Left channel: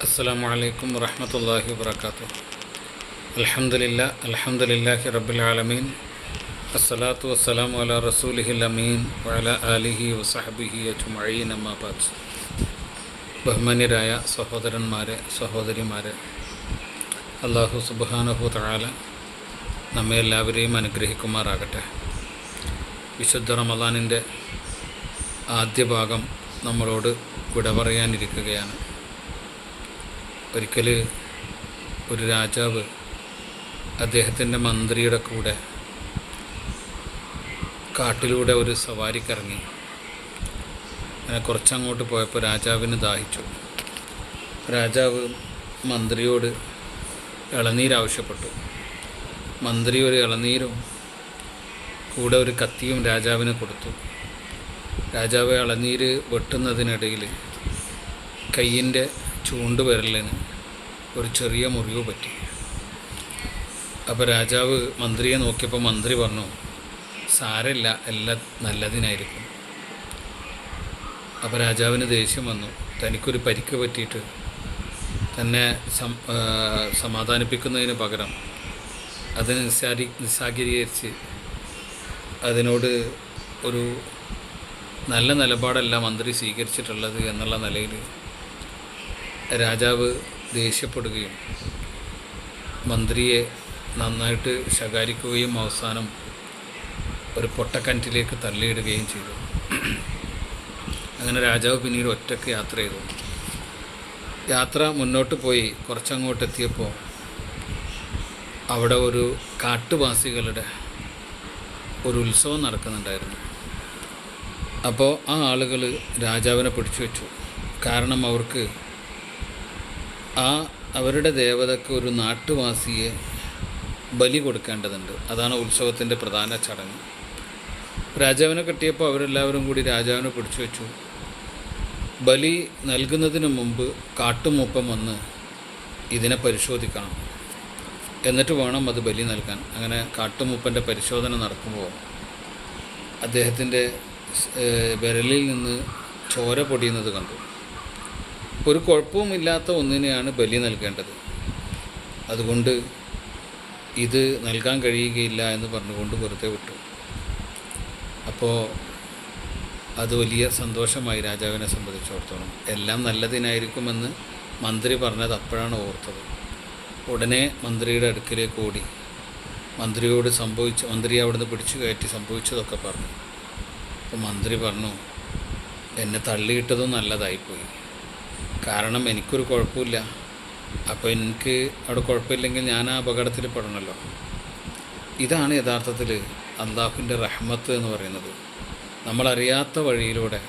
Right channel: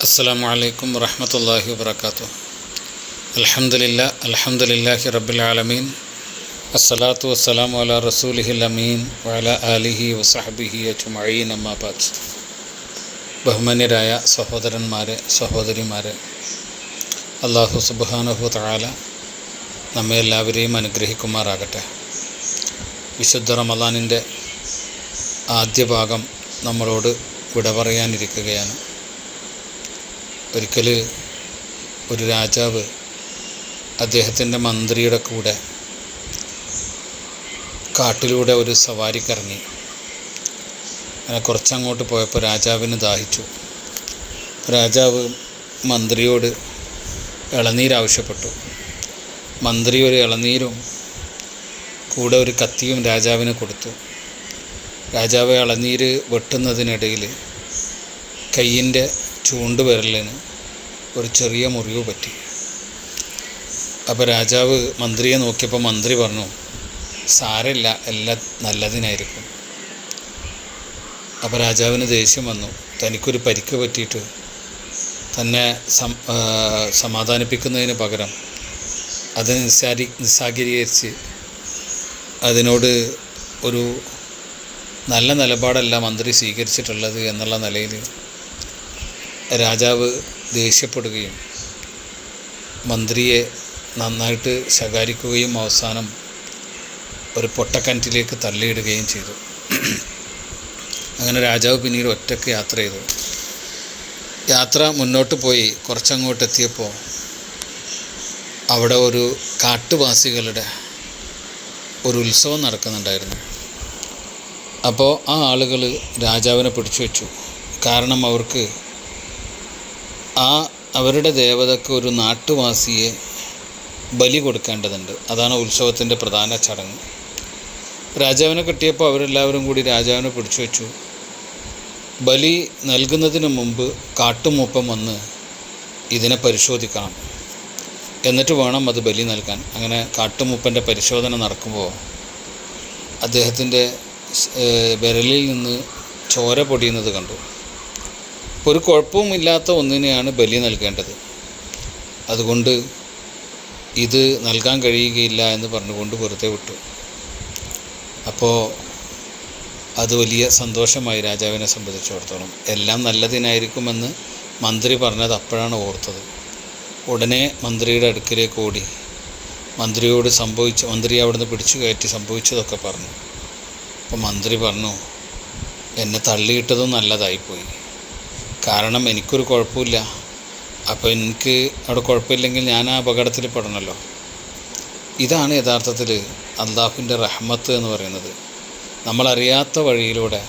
അസ്സാം വലൈക്കും വറഹമത്തല്ലാഹി വാത്തു അലഹമുല്ല അലഹമുല്ലാഹി റബുലാലമീൻ അസ്സലാത്തു വസ്സലാം വല റസൂലിഹിൽ അമീൻ വല അലിഹി വസഹബിഹി അജുമീൻ അമ്മാബാദ് ബഹുമാന്യരായ സഹോദരന്മാരെ സഹോദരിമാരെ അള്ളാഹു സുബാനഹു താല നമ്മെ എല്ലാവരെയും അനുഗ്രഹിക്കുമാറാകട്ടെ. വിശുദ്ധ റമദാനിന്റെ ആദ്യ ഭാഗം നമ്മളോട് വിട പറയാനിരിക്കുകയാണ് ഒരിക്കൽ ഒരു രാജാവ് അദ്ദേഹത്തിന്റെ മന്ത്രിയുടെ കൂടെ കാട്ടിലൂടെ ഒരു സവാരിക്കിറങ്ങി. അങ്ങനെ കുറച്ചങ്ങോട്ട് പോയപ്പോൾ രാജാവിന് ദാഹിച്ചു. രാജാവ് മന്ത്രിയോട് ഇളനീര് ആവശ്യപ്പെട്ടു. മന്ത്രി ഒരു ഇളനീരും കൂടെ ഒരു കത്തിയും രാജാവിന് കൊടുത്തു. രാജാവ് ഇളനീര് വെട്ടുന്നതിനിടയിൽ കയ്യിന്റെ ചൂണ്ടുവിരലിന് ഒരു ചെറിയ മുറിവ് പറ്റി. അപ്പോൾ രാജാവ് മന്ത്രിയെ നോക്കിയപ്പോൾ മന്ത്രി പറഞ്ഞു സാരമില്ല എല്ലാം നല്ലതിനായിരിക്കും. അപ്പോൾ രാജാവിന് ദേഷ്യം വന്നു. തനിക്കൊരു പരിക്ക് പറ്റിയിട്ട് തന്നെ സമാധാനിപ്പിക്കുന്നതിന് പകരം അത് നിസ്സാരി നിസ്സാഗീകരിച്ച് അതിനോട് ഒരു നല്ല നിലപാടല്ല മന്ത്രി സ്വീകരിച്ചിട്ടുള്ളത് എന്നുള്ള നിലയിൽ രാജാവ് ദേഷ്യപ്പെടുകയും മന്ത്രിയെ നന്നായിട്ട് ശകാരിക്കുകയും അവസാനം ഒരു പൊട്ടക്കിണറ്റിലേക്ക് തള്ളിയിടുകയും ചെയ്തു. അങ്ങനെ രാജാവ് പിന്നീട് ഒറ്റയ്ക്ക് യാത്ര ചെയ്തു. യാത്ര മുന്നോട്ട് പോയി കുറച്ചങ്ങോട്ട് എത്തിയപ്പോൾ അവിടെ ഒരു കാട്ടുവാസികളുടെ ഒരു ഉത്സവം നടക്കുന്നുണ്ടായിരുന്നു. അപ്പോൾ ആ ആളുകൾ രാജാവിനെ പിടിച്ചു വെച്ചു കാരണം അവർക്ക് ആ അവരുടെ ദേവതക്ക് ഒരു നാട്ടുവാസിയെ ബലി കൊടുക്കേണ്ടതുണ്ട്. അതാണ് ഉത്സവത്തിന്റെ പ്രധാന ചടങ്ങ്. രാജാവിനെ കിട്ടിയപ്പോൾ അവരെല്ലാവരും കൂടി രാജാവിനെ പിടിച്ചു വെച്ചു. ബലി നൽകുന്നതിന് മുമ്പ് കാട്ടുമൂപ്പം വന്ന് ഇതിനെ പരിശോധിക്കണം. എന്നിട്ട് വേണം അത് ബലി നൽകാൻ. അങ്ങനെ കാട്ടുമൂപ്പന്റെ പരിശോധന നടക്കുമ്പോൾ അദ്ദേഹത്തിന്റെ വിരലിൽ നിന്ന് ചോര പൊടിയുന്നത് കണ്ടു. ഒരു കുഴപ്പവുമില്ലാത്ത ഒന്നിനെയാണ് ബലി നൽകേണ്ടത്. അതുകൊണ്ട് ഇത് നൽകാൻ കഴിയുകയില്ല എന്ന് പറഞ്ഞുകൊണ്ട് വെറുതെ വിട്ടു. അപ്പോൾ അത് വലിയ സന്തോഷമായി രാജാവിനെ സംബന്ധിച്ചിടത്തോളം. എല്ലാം നല്ലതിനായിരിക്കുമെന്ന് മന്ത്രി പറഞ്ഞത് അപ്പോഴാണ് ഓർത്തത്. ഉടനെ മന്ത്രിയുടെ അടുക്കിലേക്ക് ഓടി. മന്ത്രിയോട് സംഭവിച്ച മന്ത്രി അവിടുന്ന് പിടിച്ചു കയറ്റി സംഭവിച്ചതൊക്കെ പറഞ്ഞു. അപ്പോൾ മന്ത്രി പറഞ്ഞു എന്നെ തള്ളിയിട്ടതും നല്ലതായിപ്പോയി. കാരണം എനിക്കൊരു കുഴപ്പമില്ല. അപ്പോൾ എനിക്ക് അവിടെ കുഴപ്പമില്ലെങ്കിൽ ഞാൻ ആ അപകടത്തിൽ പെടണമല്ലോ ഇതാണ് യഥാർത്ഥത്തിൽ അള്ളാഹുവിന്റെ റഹ്മത്ത് എന്ന് പറയുന്നത്. നമ്മളറിയാത്ത വഴിയിലൂടെ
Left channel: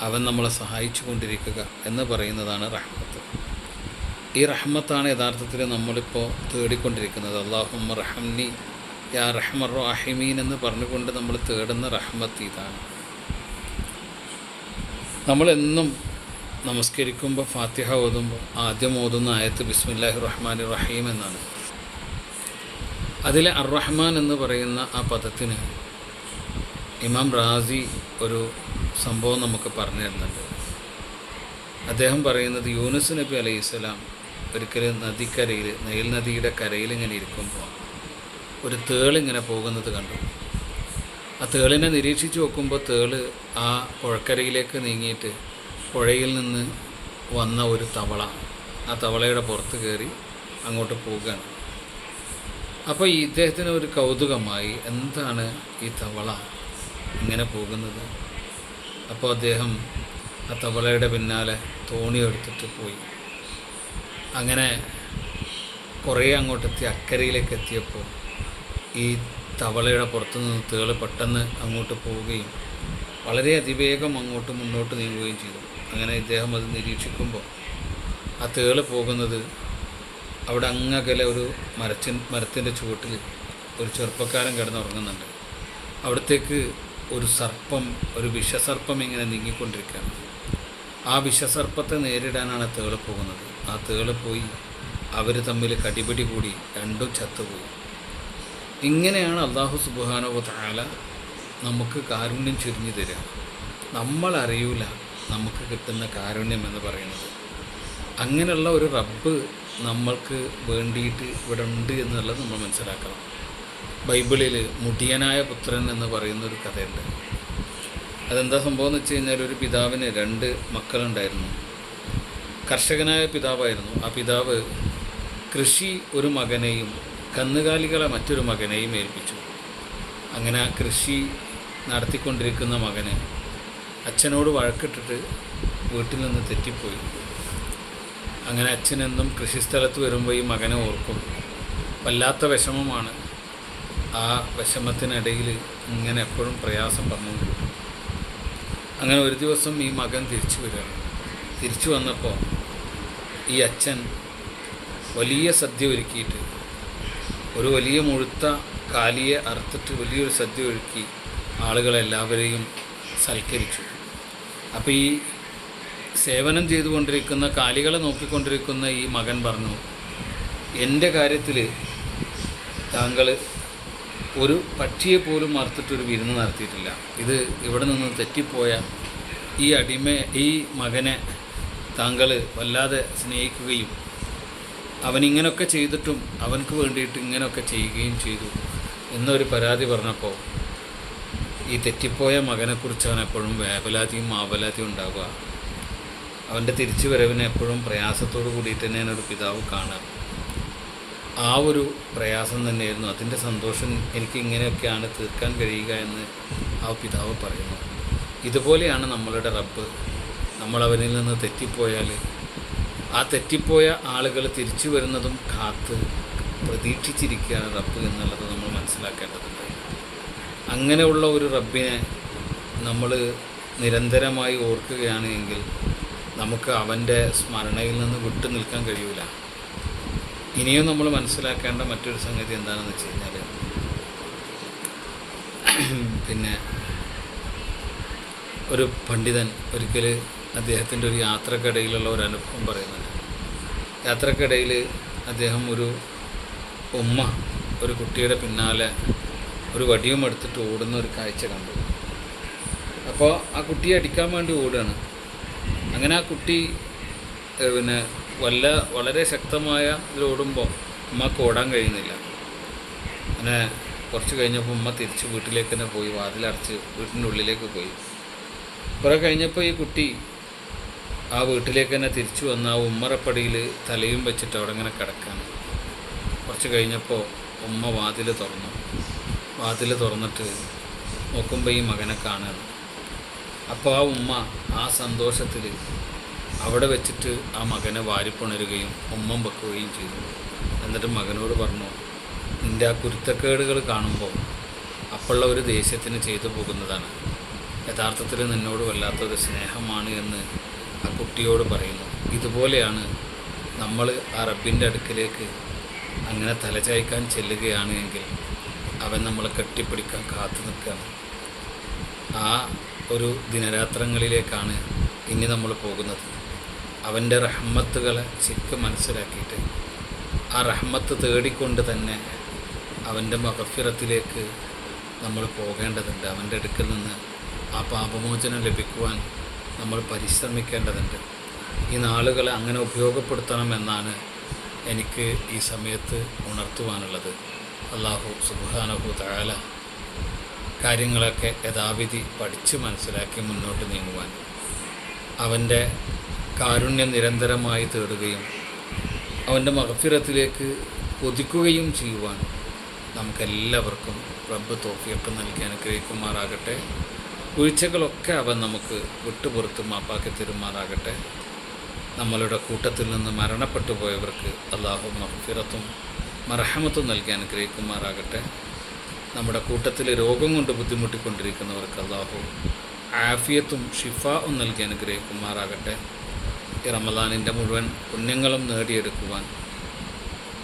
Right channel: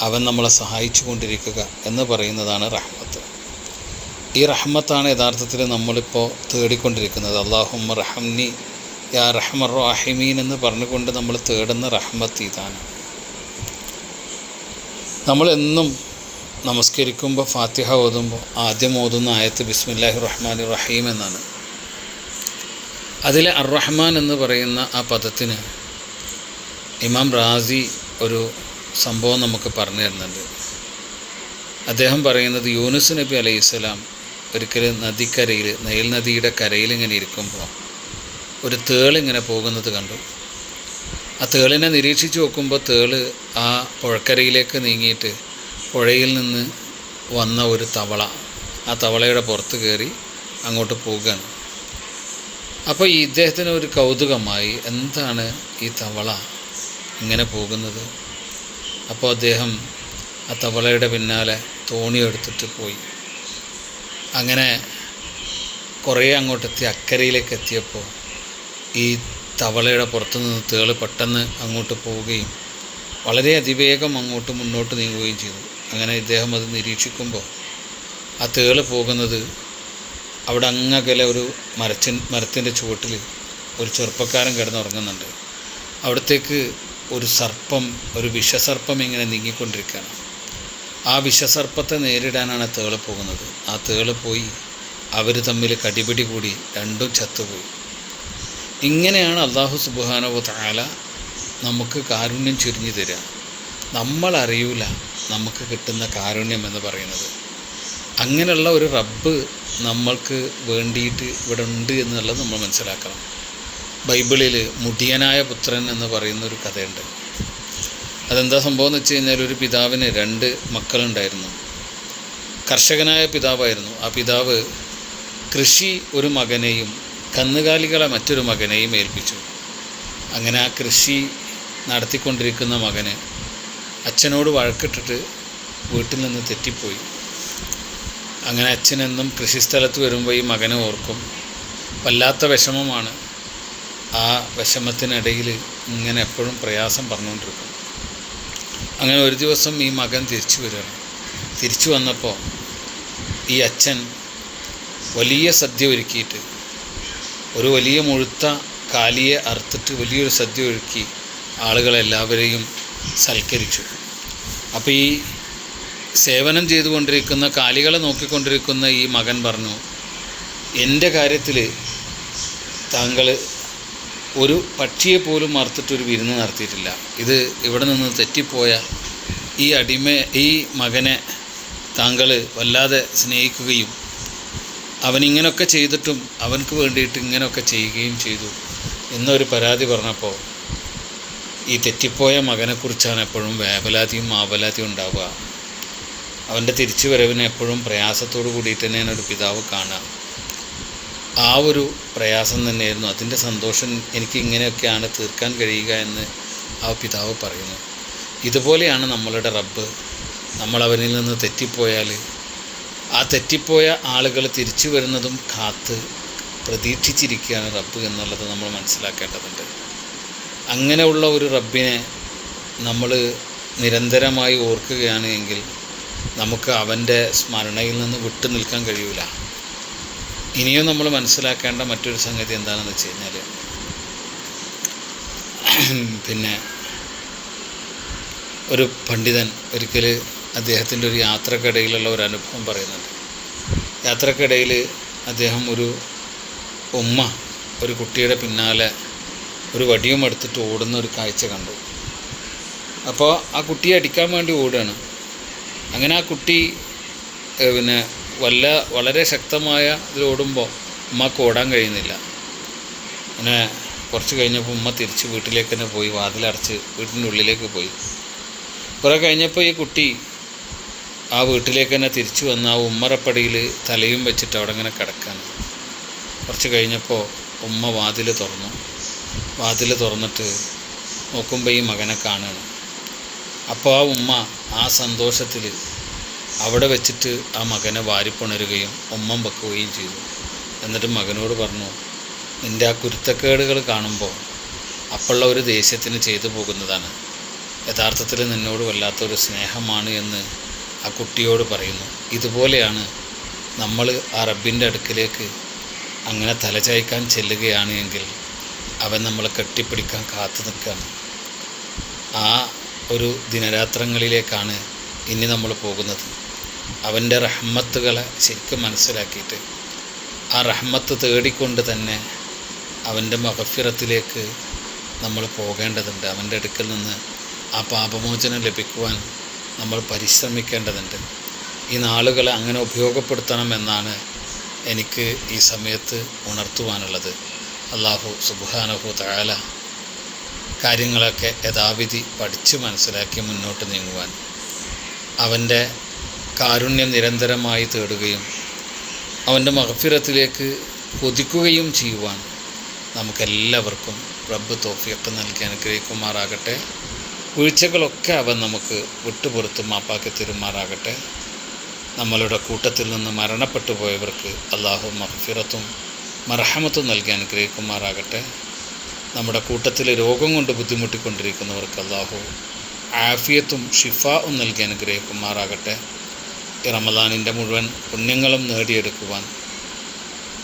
അവൻ നമ്മളെ സഹായിച്ചു കൊണ്ടിരിക്കുക എന്ന് പറയുന്നതാണ് റഹ്മത്ത്. ഈ റഹ്മത്താണ് യഥാർത്ഥത്തിൽ നമ്മളിപ്പോൾ തേടിക്കൊണ്ടിരിക്കുന്നത്. അള്ളാഹുമ്മ റഹംനി യാ റഹ്മർ റാഹിമീൻ എന്ന് പറഞ്ഞുകൊണ്ട് നമ്മൾ തേടുന്ന റഹ്മത്ത് ഇതാണ്. നമ്മളെന്നും നമസ്കരിക്കുമ്പോൾ ഫാത്തിഹ ഓതുമ്പോൾ ആദ്യം ഓതുന്ന ആയത്ത് ബിസ്മില്ലാഹി റഹ്മാൻ റഹീം എന്നാണ്. അതിലെ അർറഹ്മാൻ എന്ന് പറയുന്ന ആ പദത്തിന് ഇമാം റാസി ഒരു സംഭവം നമുക്ക് പറഞ്ഞു തരുന്നുണ്ട്. അദ്ദേഹം പറയുന്നത് യൂനുസ് നബി അലൈഹി സ്വലാം ഒരിക്കലും നദിക്കരയിൽ നൈൽ നദിയുടെ കരയിൽ ഇങ്ങനെ ഇരിക്കുമ്പോൾ ഒരു തേളിങ്ങനെ പോകുന്നത് കണ്ടു. ആ തേളിനെ നിരീക്ഷിച്ച് നോക്കുമ്പോൾ തേൾ ആ പുഴക്കരയിലേക്ക് നീങ്ങിയിട്ട് പുഴയിൽ നിന്ന് വന്ന ഒരു തവള. ആ തവളയുടെ പുറത്ത് കയറി അങ്ങോട്ട് പോവുകയാണ്. അപ്പോൾ ഈ ഇദ്ദേഹത്തിന് ഒരു കൗതുകമായി എന്താണ് ഈ തവള ഇങ്ങനെ പോകുന്നത്? അപ്പോൾ അദ്ദേഹം ആ തവളയുടെ പിന്നാലെ തോണി എടുത്തിട്ട് പോയി. അങ്ങനെ കുറേ അങ്ങോട്ടെത്തി അക്കരയിലേക്ക് എത്തിയപ്പോൾ ഈ തവളയുടെ പുറത്തു നിന്ന് തേൾ പെട്ടെന്ന് അങ്ങോട്ട് പോവുകയും വളരെ അതിവേഗം അങ്ങോട്ട് മുന്നോട്ട് നീങ്ങുകയും ചെയ്തു. അങ്ങനെ ഇദ്ദേഹം അത് നിരീക്ഷിക്കുമ്പോൾ ആ തേൾ പോകുന്നത് അവിടെ അങ്ങകലെ ഒരു മരച്ചിൻ മരത്തിന്റെ ചുവട്ടിൽ ഒരു ചെറുപ്പക്കാരൻ കിടന്നുറങ്ങുന്നുണ്ട്. അവിടത്തേക്ക് ഒരു സർപ്പം ഒരു വിഷസർപ്പം ഇങ്ങനെ നീങ്ങിക്കൊണ്ടിരിക്കുകയാണ്. ആ വിഷസർപ്പത്തെ നേരിടാനാണ് തേൾ പോകുന്നത്. ആ തേൾ പോയി അവർ തമ്മിൽ കടിപിടി കൂടി രണ്ടും ചത്തുപോയി. ഇങ്ങനെയാണ് അള്ളാഹു സുബാനോ താല നമുക്ക് കാരുണ്യം ചുരുങ്ങി തരിക. നമ്മളറിയൂല നമുക്ക് കിട്ടുന്ന കാരുണ്യം എന്ന് പറയുന്നത്. അങ്ങനെയുള്ള ഒരു റബ്ബ് നമ്മൾക്ക് വേണ്ടിയിട്ട് ഇവിടെ ഉണ്ട് എന്നുള്ളത് നമ്മൾ മനസ്സിലാക്കണം. ബൈബിളിൽ മുടിയനായ പുത്രൻ എന്ന് പറയുന്ന ഒരു കഥയുണ്ട്. അതെന്താ സംഭവം എന്ന് വെച്ച് കഴിഞ്ഞാൽ ഒരു പിതാവിന് രണ്ട് മക്കളുണ്ടായിരുന്നു. കർഷകനായ പിതാവായിരുന്നു. ആ പിതാവ് കൃഷി ഒരു മകനെയും കന്നുകാലികളെ മറ്റൊരു മകനെയും ഏൽപ്പിച്ചു. അങ്ങനെ ആ കൃഷി നടത്തിക്കൊണ്ടിരിക്കുന്ന മകന് അച്ഛനോട് വഴക്കിട്ടിട്ട് വീട്ടിൽ നിന്ന് തെറ്റിപ്പോയി. അങ്ങനെ അച്ഛനെന്നും കൃഷിസ്ഥലത്ത് വരുമ്പോൾ ഈ മകനെ ഓർക്കും. വല്ലാത്ത വിഷമമാണ് ആ വിഷമത്തിനിടയിൽ ഇങ്ങനെ എപ്പോഴും പ്രയാസം പറഞ്ഞുകൊണ്ടിരിക്കും. അങ്ങനെ ഒരു ദിവസം ഈ മകൻ തിരിച്ചു വരികയാണ് തിരിച്ചു വന്നപ്പോൾ ഈ അച്ഛൻ വലിയ സദ്യ ഒരുക്കിയിട്ട് ഒരു വലിയ മുഴുത്ത കാലിയെ അറുത്തിട്ട് വലിയൊരു സദ്യ ഒരുക്കി ആളുകളെല്ലാവരെയും സൽക്കരിച്ചു. അപ്പോൾ ഈ സേവനം ചെയ്തുകൊണ്ടിരിക്കുന്ന കാലികളെ നോക്കിക്കൊണ്ടിരിക്കുന്ന ഈ മകൻ പറഞ്ഞു എന്റെ കാര്യത്തിൽ താങ്കൾ ഒരു പക്ഷിയെ പോലും മറുത്തിട്ടൊരു വിരുന്ന് നടത്തിയിട്ടില്ല. ഇത് ഇവിടെ നിന്ന് തെറ്റിപ്പോയ ഈ അടിമ ഈ മകനെ താങ്കൾ വല്ലാതെ സ്നേഹിക്കുകയും അവനിങ്ങനെയൊക്കെ ചെയ്തിട്ടും അവനക്ക് വേണ്ടിയിട്ട് ഇങ്ങനെയൊക്കെ ചെയ്യുകയും ചെയ്തു എന്നൊരു പരാതി പറഞ്ഞപ്പോൾ ഈ തെറ്റിപ്പോയ മകനെക്കുറിച്ചാണ് എപ്പോഴും വേവലാതിയും ആവലാതിയും ഉണ്ടാവുക. അവന്റെ തിരിച്ചു വരവിനെ എപ്പോഴും പ്രയാസത്തോടു കൂടിയിട്ട് തന്നെയാണ് ഒരു പിതാവ് കാണുക. ആ ഒരു പ്രയാസം തന്നെയായിരുന്നു. അതിന്റെ സന്തോഷം എനിക്ക് ഇങ്ങനെയൊക്കെയാണ് തീർക്കാൻ കഴിയുക എന്ന് ആ പിതാവ് പറയുന്നു. ഇതുപോലെയാണ് നമ്മളുടെ റബ്ബ്. നമ്മളവനിൽ നിന്ന് തെറ്റിപ്പോയാൽ ആ തെറ്റിപ്പോയ ആളുകൾ തിരിച്ചു വരുന്നതും കാത്ത് പ്രതീക്ഷിച്ചിരിക്കുകയാണ് റബ്ബ് എന്നുള്ളത് നമ്മൾ മനസ്സിലാക്കേണ്ടതുണ്ട്. അങ്ങനെയുള്ള ഒരു റബ്ബിനെ നമ്മൾ നിരന്തരമായി ഓർക്കുകയാണ് എങ്കിൽ നമുക്ക് അവന്റെ സ്മരണയിൽ നിന്ന് വിട്ടു നിൽക്കാൻ കഴിയില്ല ഇനിയും നമ്മൾ മനസ്സിലാക്കേണ്ട മറ്റൊരു സംഗതി എന്താണെന്ന് വെച്ച് കഴിഞ്ഞാൽ പിന്നെ ഒരു പണ്ഡിതൻ ഒരിക്കൽ അദ്ദേഹത്തിന്റെ ഒരു യാത്രക്കിടയിലുള്ള ഒരു അനുഭവം പറയുന്നുണ്ട്. യാത്രക്കിടയിൽ അദ്ദേഹം ഒരു ഉമ്മ ഒരു കുട്ടിയുടെ പിന്നാലെ ഒരു വടിയും എടുത്തിട്ട് ഓടുന്ന ഒരു കാഴ്ച കണ്ടു. അപ്പോൾ ആ കുട്ടിയെ അടിക്കാൻ വേണ്ടി ഓടുകയാണ്. അങ്ങനെ ആ കുട്ടി പിന്നെ വല്ല വളരെ ശക്തമായ ഇതിൽ ഓടുമ്പോൾ ഉമ്മക്ക് ഓടാൻ കഴിയുന്നില്ല. അങ്ങനെ കുറച്ച് കഴിഞ്ഞപ്പോൾ ഉമ്മ തിരിച്ച് വീട്ടിലേക്ക് തന്നെ പോയി വാതിലടച്ച് വീട്ടിന്റെ ഉള്ളിലേക്ക് പോയി. കുറേ കഴിഞ്ഞപ്പോൾ ഈ കുട്ടി ആ വീട്ടിലേക്ക് തന്നെ തിരിച്ചു വന്ന് ആ ഉമ്മറപ്പടിയിൽ തലയും വെച്ചിട്ട് അവിടെ ഇങ്ങനെ കിടക്കാൻ കുറച്ച് കഴിഞ്ഞപ്പോൾ ഉമ്മ വാതിൽ തുറന്നു. വാതിൽ തുറന്നിട്ട് നോക്കുമ്പോൾ ഈ മകനെ കാണുകയാണ് അപ്പോൾ ആ ഉമ്മ ആ സന്തോഷത്തിൽ അവിടെ വെച്ചിട്ട് ആ മകനെ വാരിപ്പുണരുകയും ഉമ്മം വെക്കുകയും ചെയ്തു. എന്നിട്ട് മകനോട് പറഞ്ഞു നിന്റെ ആ കുരുത്തക്കേടുകൾ കാണുമ്പോൾ അപ്പോഴുള്ള ഒരു ദേഷ്യത്തിന് ചെയ്തു പോകുന്നതാണ്. യഥാർത്ഥത്തിൽ നിന്നോട് വല്ലാത്തൊരു സ്നേഹമാണ് എന്ന് ആ കുട്ടിയോട് പറയുന്നു. ഇതുപോലെയാണ് നമ്മൾ ആ റബ്ബിന്റെ അടുക്കിലേക്ക് അങ്ങനെ തലചായ്ക്കാൻ ചെല്ലുകയാണ് എങ്കിൽ അവൻ നമ്മളെ കെട്ടിപ്പിടിക്കാൻ കാത്തു നിൽക്കുകയാണ്. ആ ഒരു ദിനരാത്രങ്ങളിലേക്കാണ് ഇനി നമ്മൾ പോകുന്നത്. അവന്റെ റഹ്മത്തുകളെ ശരിക്കും മനസ്സിലാക്കിയിട്ട് ആ റഹ്മത്ത് തേടിക്കൊണ്ട് തന്നെ അവന്റെ മകഫിറത്തിലേക്ക് നമ്മൾ പോകേണ്ടതുണ്ട്. അവന്റെ അടുക്കൽ നിന്ന് ആ പാപമോചനം ലഭിക്കുവാൻ നമ്മൾ പരിശ്രമിക്കേണ്ടതുണ്ട്. ഈ നാളുകളെ അങ്ങനെ ഉപയോഗപ്പെടുത്തണമെന്നാണ് എനിക്ക് ഈ സമയത്ത് ഉണർത്തുവാനുള്ളത്. അള്ളാഹു സുബാനഹു താല കാര്യങ്ങളൊക്കെ യഥാവിധി പഠിച്ച് മനസ്സിലാക്കി മുന്നോട്ട് നീങ്ങുവാൻ അവന്റെ കാരുണ്യം നിരന്തരമായി തേടുകയും അവന്റെ മഹഫിറത്തിലേക്ക് കൊതിക്കുകയും ചെയ്യുവാൻ നമുക്കെല്ലാവർക്കും റബ്ബ് തോഫിയൊക്കെ നൽകി അനുഗ്രഹിക്കുമാറാകട്ടെ. വീഴ്ചകളൊക്കെ അവൻ നമുക്ക് വിട്ടുപുറത്ത് മാപ്പാക്കി തരുമാറാകട്ടെ. നമ്മളുടെ കൂട്ടത്തിൽ നിന്ന് മരണപ്പെട്ടു പോയവർക്ക് അള്ളാഹു മഹഫിറത്തും മർഹമത്തും നൽകാൻ അനുഗ്രഹിക്കുമാറാകട്ടെ നമ്മുടെ കൂട്ടത്തിൽ രോഗം കൊണ്ട് ബുദ്ധിമുട്ടിക്കൊണ്ടിരിക്കുന്നവർക്ക് അള്ളാഹു ആഫിയത്തും ഷിഫാവും നൽകി അനുഗ്രഹിക്കുമാറാകട്ടെ ഈ റമദാനിന്റെ മുഴുവൻ പുണ്യങ്ങളും നേടിയെടുക്കുവാൻ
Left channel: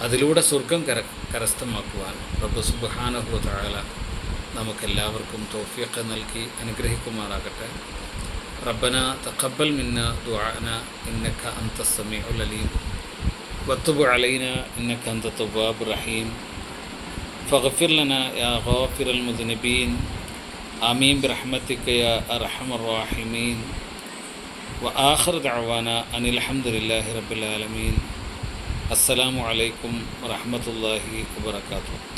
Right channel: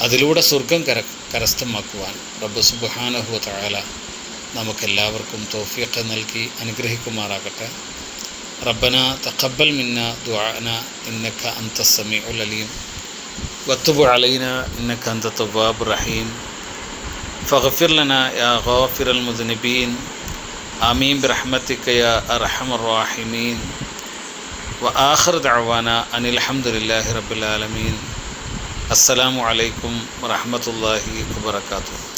അതിലൂടെ സ്വർഗം കര കരസ്ഥമാക്കുവാൻ റബ്ബ് സുബ്ഹാനഹു തആല നമുക്കെല്ലാവർക്കും തോഫിയൊക്കെ നൽകി അനുഗ്രഹിക്കുമാറാകട്ടെ. റബ്ബന തഖബ്ബൽ മിന്ന ദുആന ഇന്നക അൻത സമീഉൽ അലീം. وتب علينا إنك أنت التواب الرحيم. فاغفر لنا يا غافر المذنبين. آمين برحمتك يا أرحم الراحمين. وآخر دعوانا أن الحمد لله رب العالمين. السلام عليكم ورحمة الله وبركاته.